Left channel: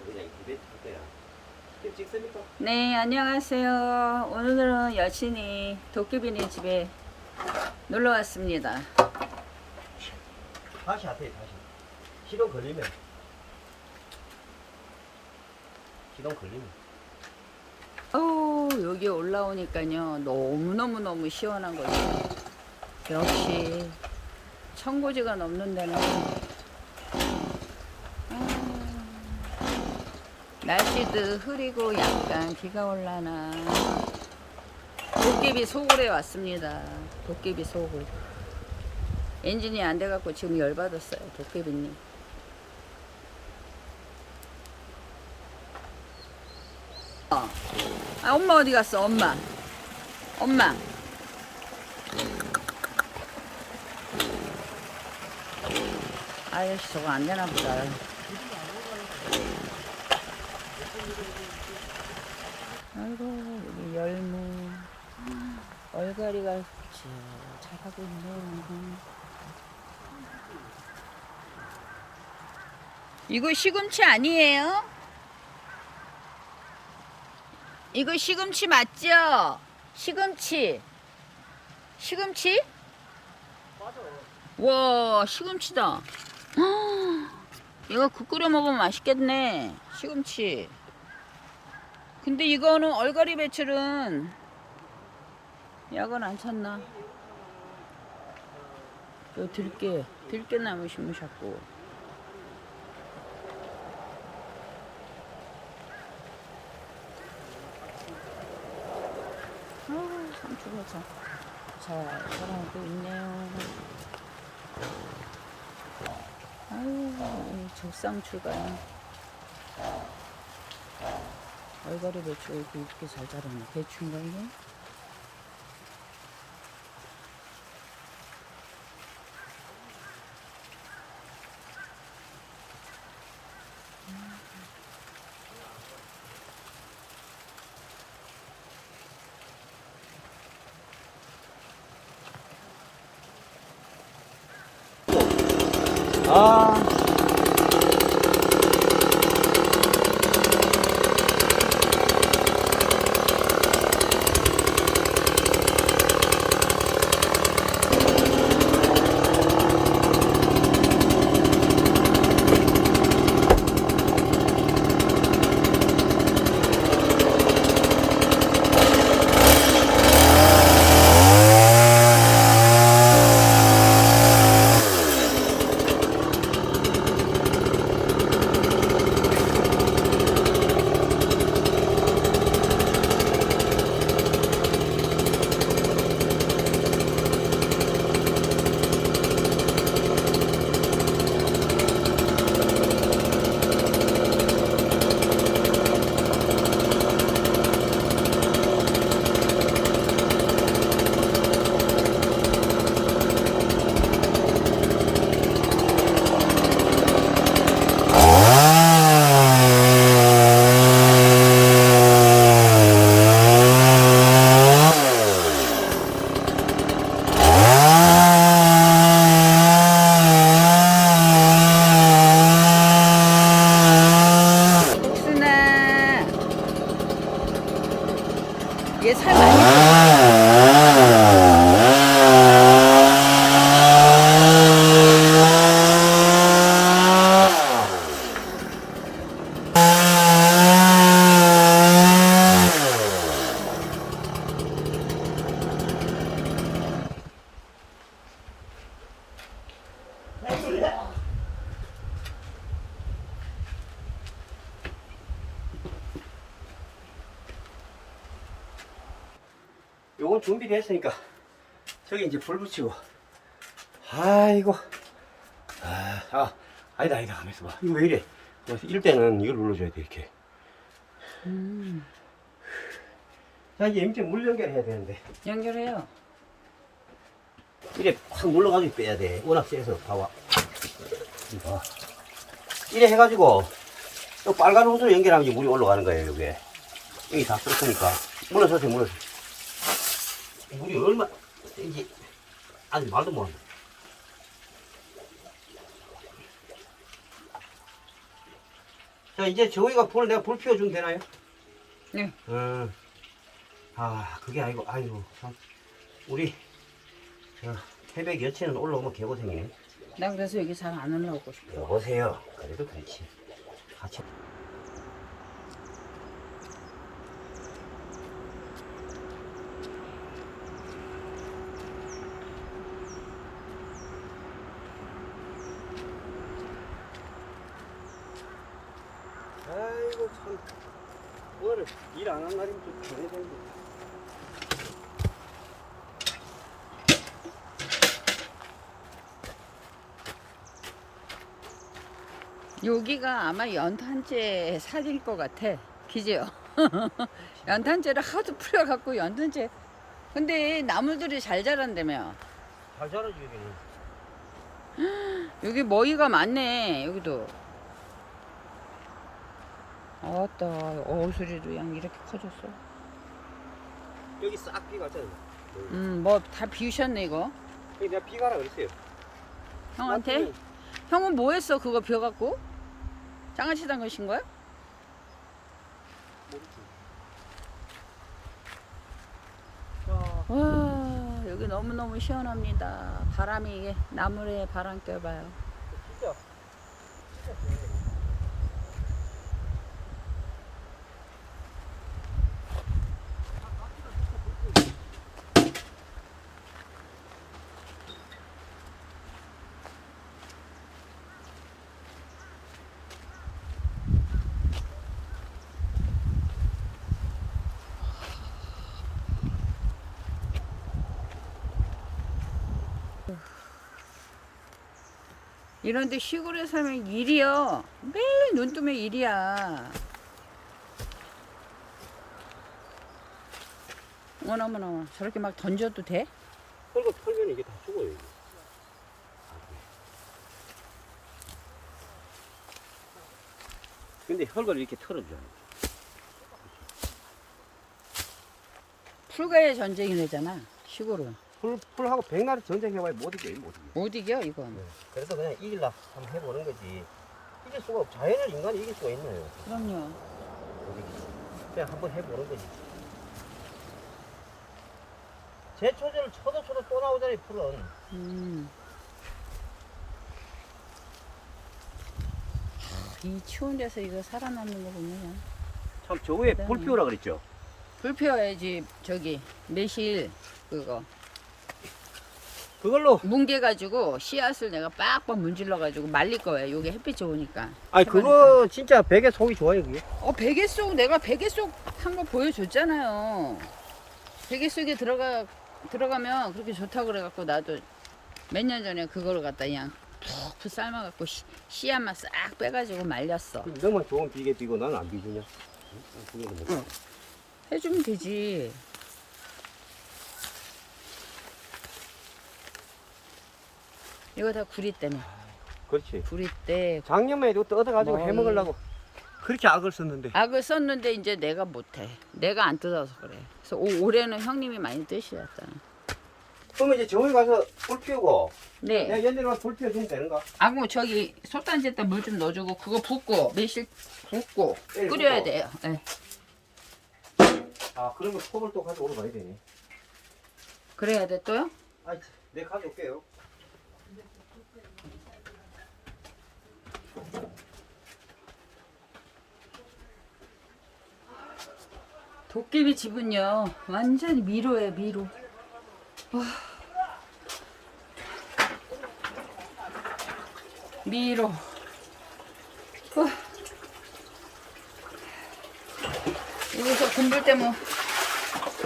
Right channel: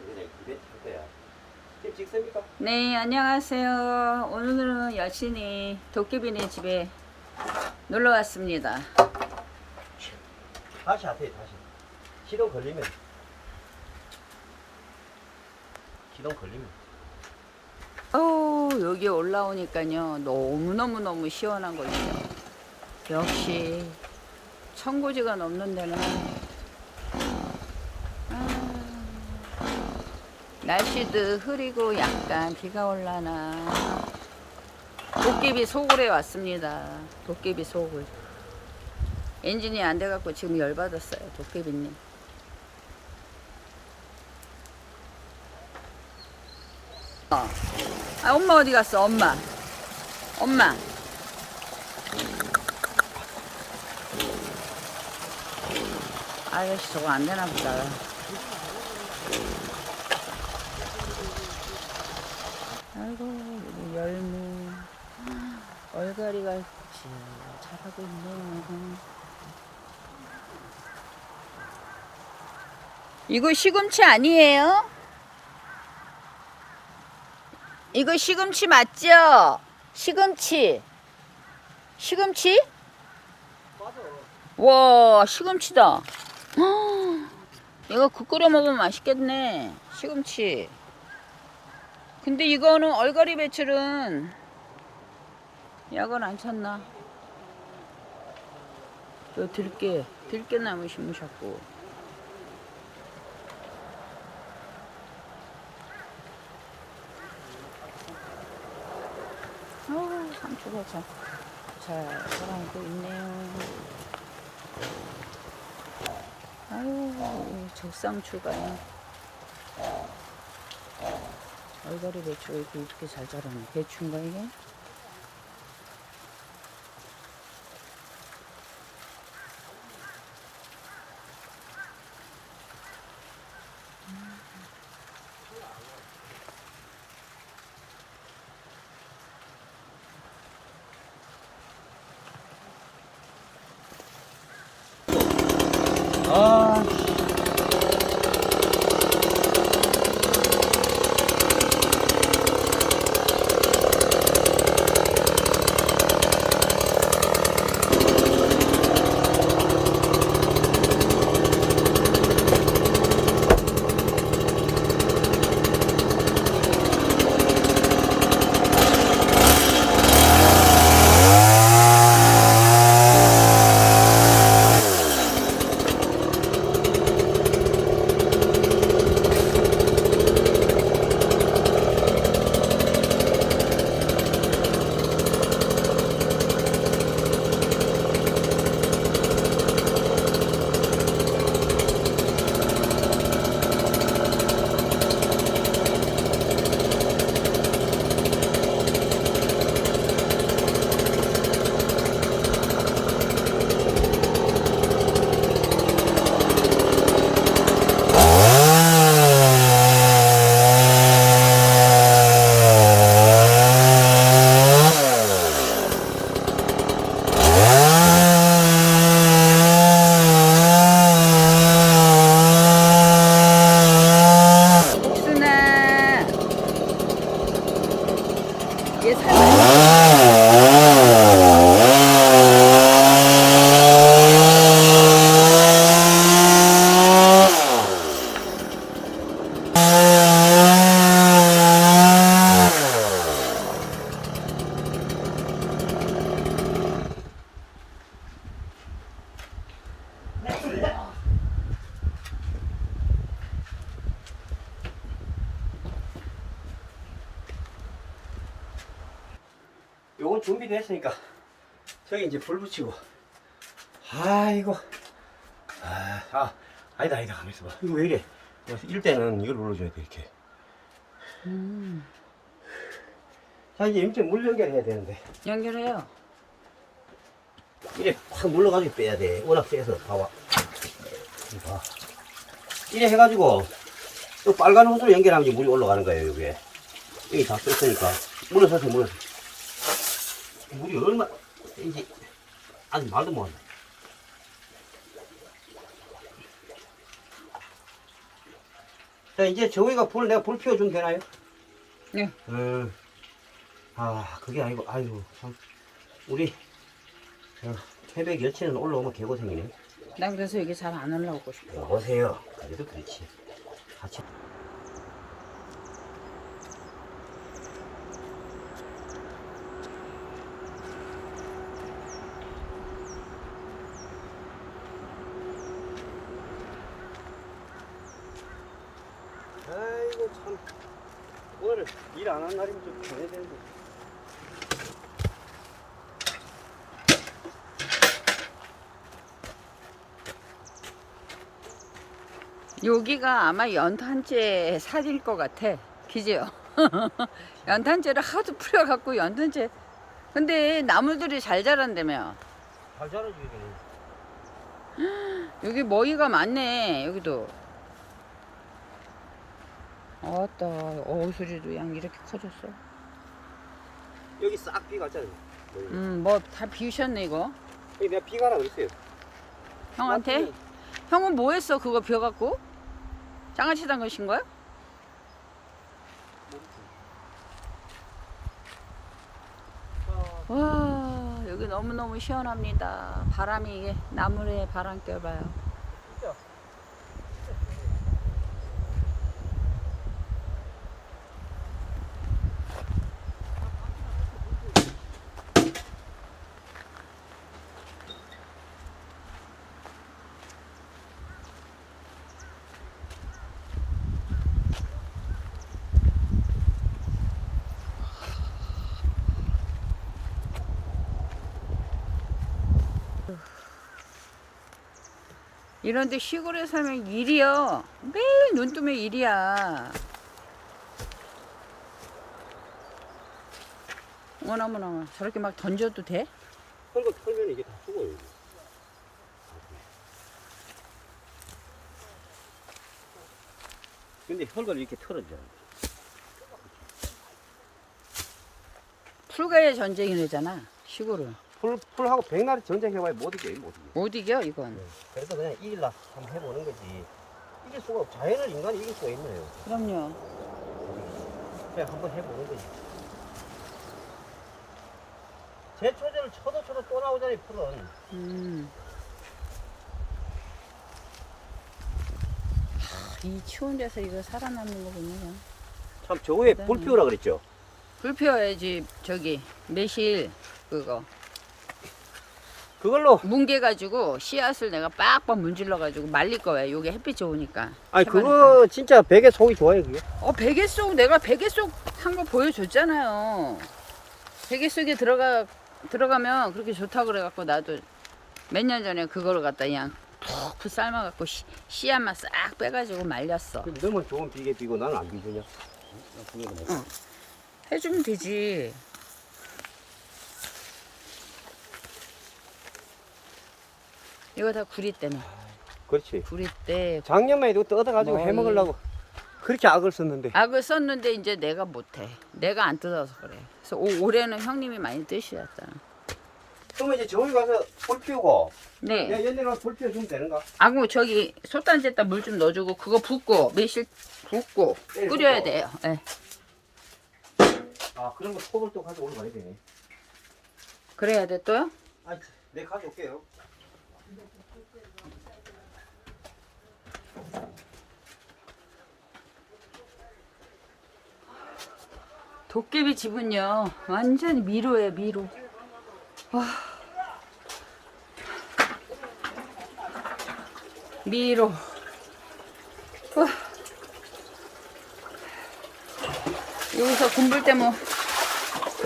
그냥 이벤트 할 거야. 지금 찍습니까? 네, 안녕하세요. 오늘은 여친이 도깨비네 집에 놀러 왔습니다. 다시 하세요, 다시. 시동 걸리면. 여기 올라오니까요. 너무너무 시원한 곳이죠. 역시 천고지가 넘는 데는 날씨도 흐리고 약간 비가 올라나. 도깨비 소굴에 왔습니다. 도깨비 소굴. 엔진이 안 돼갖고 지금 열받았어요. 도깨비님. 엄마 어디 갔어? 엄마. 아저씨 저거 안 되나 보다. 아이고 여기 열무 얼갈이가 자라고 있네요. 이거 시금치 아니에요? 이거 시금치 맞죠? 시금치. 와, 시금치다. 이거 국 끓여 먹으면 맛있겠네. 시금치. 근데 이거는 얼갈이 배출은 약은 안 찼나? 또 들깨나무 심으셨고. 상추가 잘 자라고 있네요. 아유, 적상추가요. 얼갈이 배추가 이렇게 잘 자라네. 배추인가 이게? 아, 복순아. 얘 살 많이 요건 준비됐으니까 저기 이제 불 붙이고. 아이고. 아니다 가만 있어봐. 이거 왜 이래? 이럴 때는 이걸 눌러줘야 돼 이렇게. 자 이제 이제 물 연결해야 되는데 연결해요. 이래 확 눌러가지고 빼야 돼. 워낙 세서 봐봐. 이거 이래 해가지고 또 빨간 호스로 연결하면 이제 물이 올라가는 거예요. 여기 여기 다 썼으니까 물어서 물이 얼마 센지 아직 말도 못한다. 자, 이제 저기가 내가 불 피워주면 되나요? 네. 아, 그게 아니고, 아이고, 참. 우리, 태백 여친은 올라오면 개고생이네. 난 그래서 여기 잘 안 올라오고 싶어. 여보세요. 그래도 그렇지. 같이. 아이고, 참. 오늘 일 안 한 날이면 좀 편해야 되는데. 여기가 아마 연탄재 사질 것 같아. 기지요? 연탄재를 하도 뿌려갖고 연탄재. 근데 나무들이 잘 자란다며. 잘 자라지, 여기는. 여기 먹이가 많네. 여기도. 아따, 어수리도 양 이렇게 커졌어. 여기 싹 비갔잖아. 뭐 다 비우셨네 이거. 여기 내가 비가라 그랬어요. 형한테? 형은 뭐 했어 그거 비워갖고? 장아찌 담그신 거야? 와 여기 너무너무 시원합니다. 바람이 이게 나무에 바람 껴봐요. 이런데 시골에 살면 일이요. 매일 눈 뜨면 일이야. 어머나 저렇게 막 던져도 돼? 헐거 털면 이게 다 죽어요. 이게. 근데 헐거를 이렇게 털어줘요. 풀과의 전쟁이래잖아 시골은. 풀하고 백날이 전쟁해봐야 못 이겨요, 못 이겨. 못 이겨 이건. 그래서 그냥 이길라 한번 해보는 거지. 이길 수가 없, 자연을 인간이 이길 수가 있나요? 그럼요. 못 이기지. 그냥 한번 해보는 거지. 제초제를 쳐도 또 나오잖아요, 풀은. 이 추운 데서 이거 살아남는 거 보면 참, 저 위에 불 대단해. 피우라 그랬죠? 불 피워야지. 저기 매실 그거 그걸로. 뭉개가지고 씨앗을 내가 빡빡 문질러가지고 말릴 거야. 요게 햇빛 좋으니까. 아니, 해바라기. 그거 진짜 베개 속이 좋아요, 그게. 베개 속 내가 베개 속 한 거 보여줬잖아요. 베개 속에 들어가면 그렇게 좋다고 그래갖고 나도 몇 년 전에 그거를 갖다 그냥 푹 삶아갖고 씨앗만 싹 빼가지고 말렸어. 근데 너만 좋은 비계 비고 나는 안 비주냐? 그게 뭐. 해주면 되지. 이거 다 구리 때문에. 그렇지. 구리 때 작년만 해도 뜯어가지고 뭐 해먹으려고 그렇게 악을 썼는데. 악을 썼는데 이제 내가 못해. 내가 안 뜯어서 그래. 그래서 올해는 형님이 많이 뜨시잖아. 그러면 이제 정원에 가서 불 피우고. 네. 내가 옛날에 가서 불 피워주면 되는가? 그럼 저기 솥단지에다 물 좀 넣어주고 그거 붓고 매실 붓고 네, 끓여야 붓고. 돼요. 네. 아, 그런 거 톱을 또 가져오러 가야 되네. 그래야 돼 또요? 아, 내 가져올게요. 도깨비 집은요 완전 미로예요 미로. 미로. 여기서 군불 때문에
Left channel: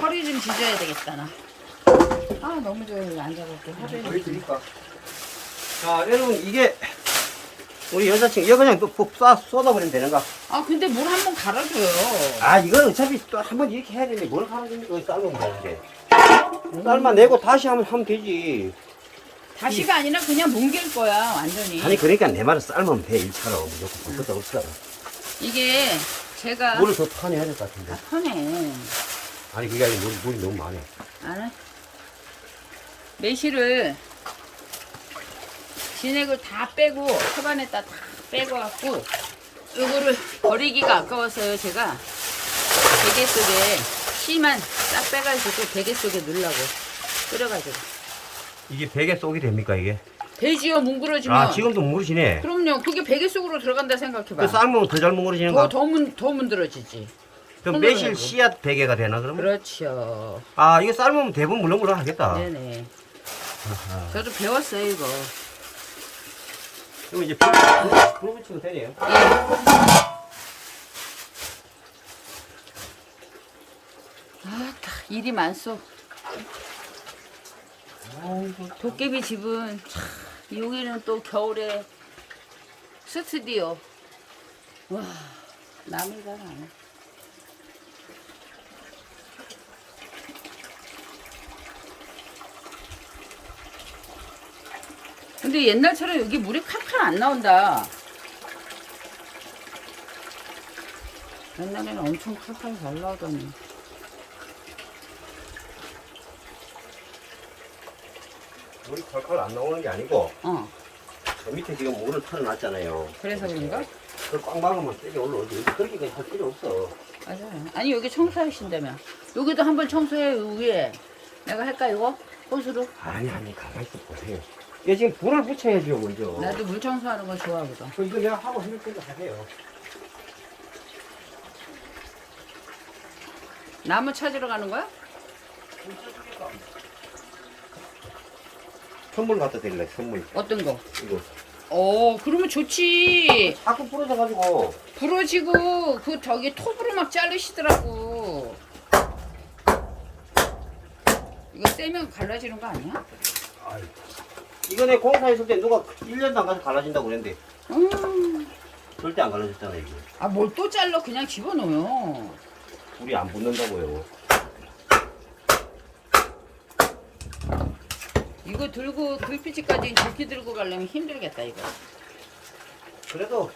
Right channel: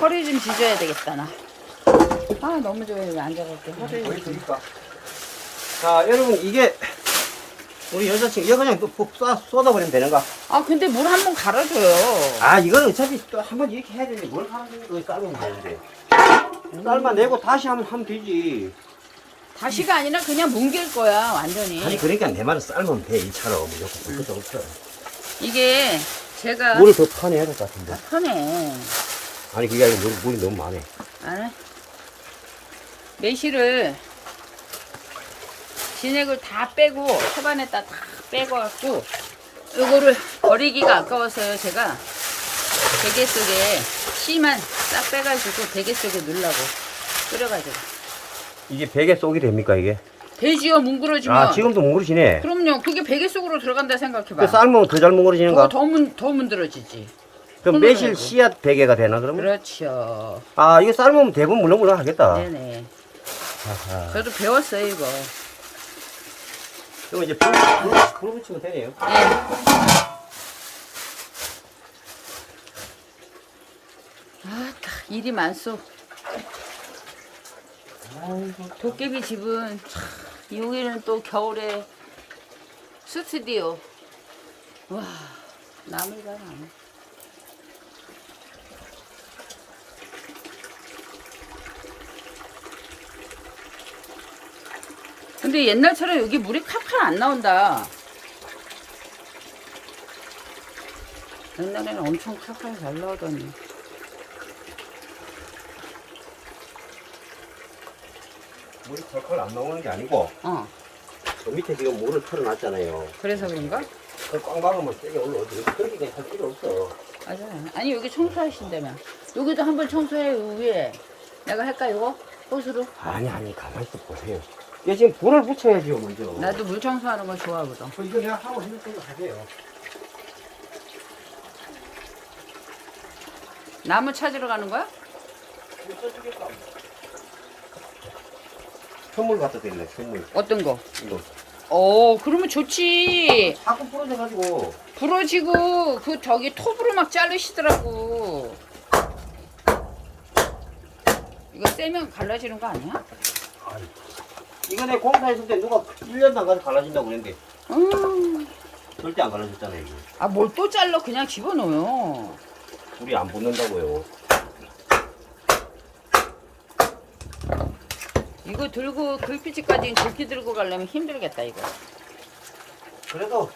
허리 좀 지져야 되겠다 나. 너무 좋아요. 여기 앉아갖고 허리 좀. 보여드릴까? 자, 여러분, 이게 우리 여자친구, 이거 그냥 또 쏟아버리면 되는가? 근데 물 한 번 갈아줘요. 이건 어차피 또 한 번 이렇게 해야 되는데 뭘 갈아줍니까? 여기 삶으면 되는데. 삶아내고 다시 하면 되지. 다시가 아니라 그냥 뭉갤 거야 완전히. 아니, 그러니까 내 말은 삶으면 돼, 1차로. 무조건 그것도 없어. 이게 제가 물이 더 타내야 될 것 같은데. 다 터네. 아니, 그게 아니고 물이 너무 많아. 안 해? 매실을 진액을 다 빼고 초반에다 다 빼고 갖고 요거를 버리기가 아까워서요. 제가 베개 속에 씨만 싹 빼가지고 베개 속에 넣으려고 끓여가지고. 이게 베개 속이 됩니까 이게? 돼지요 뭉그러지면. 아 지금도 뭉그러지네. 그럼요. 그게 베개 속으로 들어간다 생각해봐. 그 삶으면 더 잘 뭉그러지는 거. 더 문드러지지. 그럼 손으로 매실 해고. 씨앗 베개가 되나 그러면? 그렇죠. 아 이게 삶으면 대부분 물렁물렁 하겠다. 네네. 아하. 저도 배웠어요 이거. 그럼 이제 불 붙이면 되네요. 예. 아따 일이 많소. 도깨비 집은 참 여기는 또 겨울에 스튜디오. 와 남을 봐라. 근데 옛날처럼 여기 물이 칼칼 안 나온다. 옛날에는 엄청 칼칼 잘 나오더니. 물이 컬컬 안 나오는 게 아니고 저 밑에 지금 물을 틀어놨잖아요. 그래서 그런가? 그걸 꽉 막으면 세게 올라오지. 그렇게까지 할 필요 없어. 맞아요. 아니 여기 청소하신다며. 여기도 한번 청소해 위에. 내가 할까 이거? 호수로? 아니 가만히 있어 보세요. 얘 지금 불을 붙여야죠 먼저. 나도 물 청소하는 거 좋아하거든. 이거 내가 하고 했는 대로 하세요. 나무 찾으러 가는 거야? 선물 갖다 드릴래 선물. 어떤 거? 이거 그러면 좋지. 자꾸 부러져가지고. 부러지고 그 저기 톱으로 막 자르시더라고. 이거 떼면 갈라지는 거 아니야? 아이고. 이거 내 공사했을 때 누가 1년도 안 가서 갈라진다고 그랬는데 절대 안 갈라졌잖아요 이게. 아 뭘 또 잘라 그냥 집어넣어요. 불이 안 붙는다고요. 이거 들고 글피지까지 도끼 들고 가려면 힘들겠다 이거. 그래도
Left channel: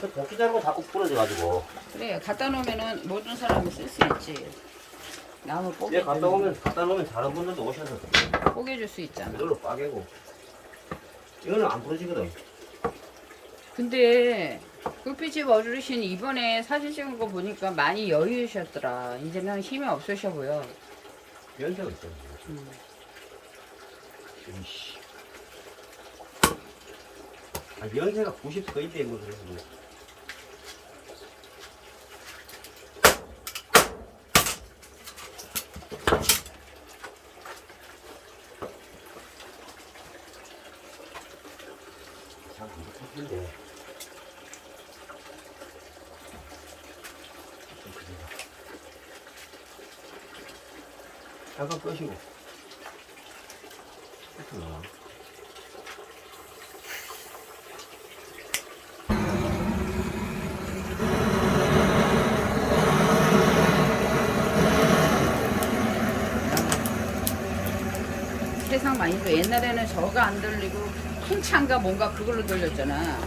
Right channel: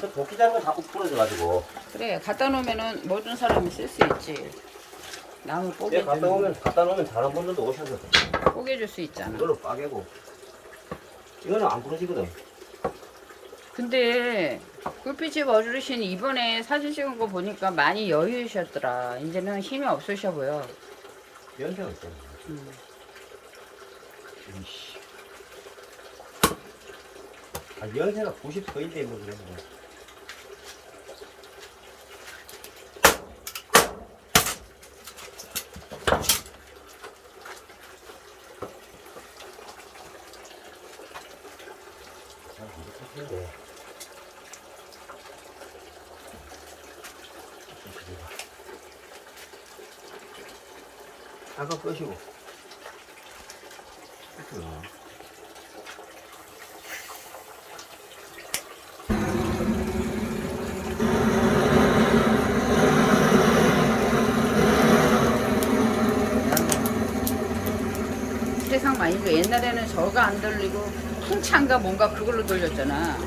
저 도끼 자르고 자꾸 부러져가지고. 그래 갖다 놓으면은 모든 사람이 쓸 수 있지. 나무 얘 갖다 뽀개주는 놓으면 다른 분들도 오셔서 뽀개줄 수 있잖아. 이걸로 빠개고. 이거는 안 부러지거든. 근데 굴피집 어르신 이번에 사진 찍은 거 보니까 많이 여유셨더라. 이제는 힘이 없으셔 보여. 연세가 있어. 이씨. 아 연세가 90 거인데 뭐 그래. 잘안 붙었는데. 잠깐 끄시고. 그렇구나. 세상 많이 줘. 옛날에는 저가 안 돌리고 풍차인가 뭔가 그걸로 돌렸잖아.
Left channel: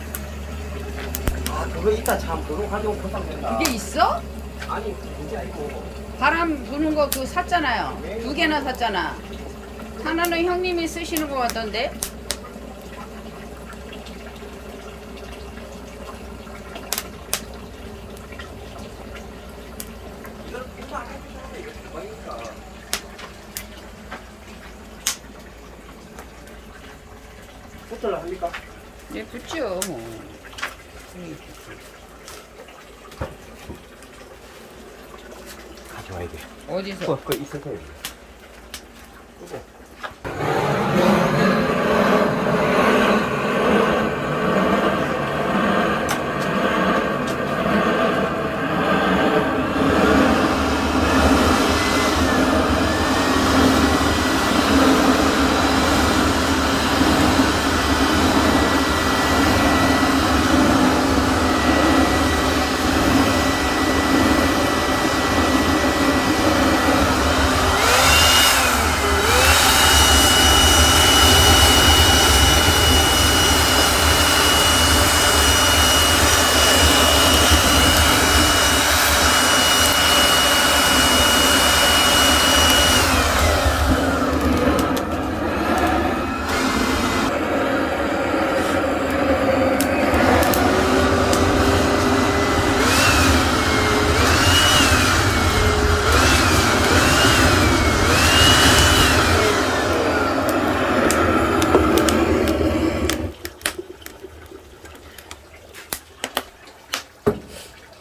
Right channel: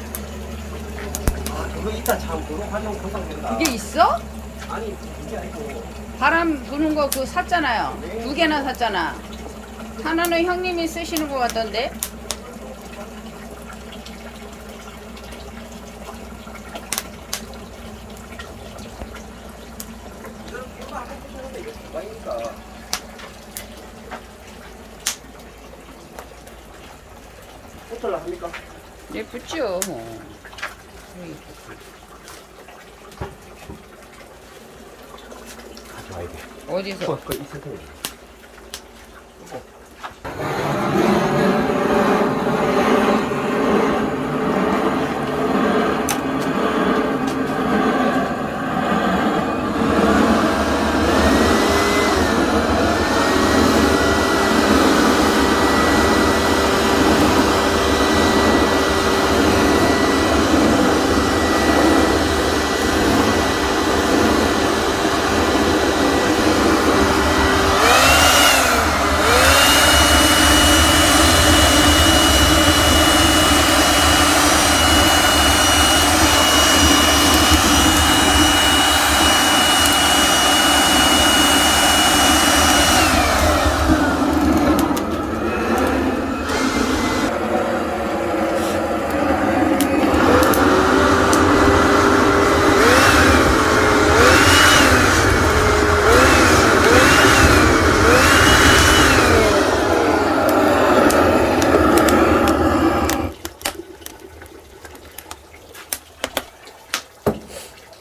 아, 그거 이따 참 그거 가져오면 금방 된다. 그게 있어? 아니, 그게 아니고. 바람 부는 거 그거 샀잖아요. 네. 2개나 샀잖아. 하나는 형님이 쓰시는 거 같던데. 이거는 금방 안 해주셨는데 이게 대박이니까. 붙을라 합니까? 네, 붙죠, 뭐. 가져와야 돼. 어디서? 그거 이 센터에. 끄고.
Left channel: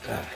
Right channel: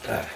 아.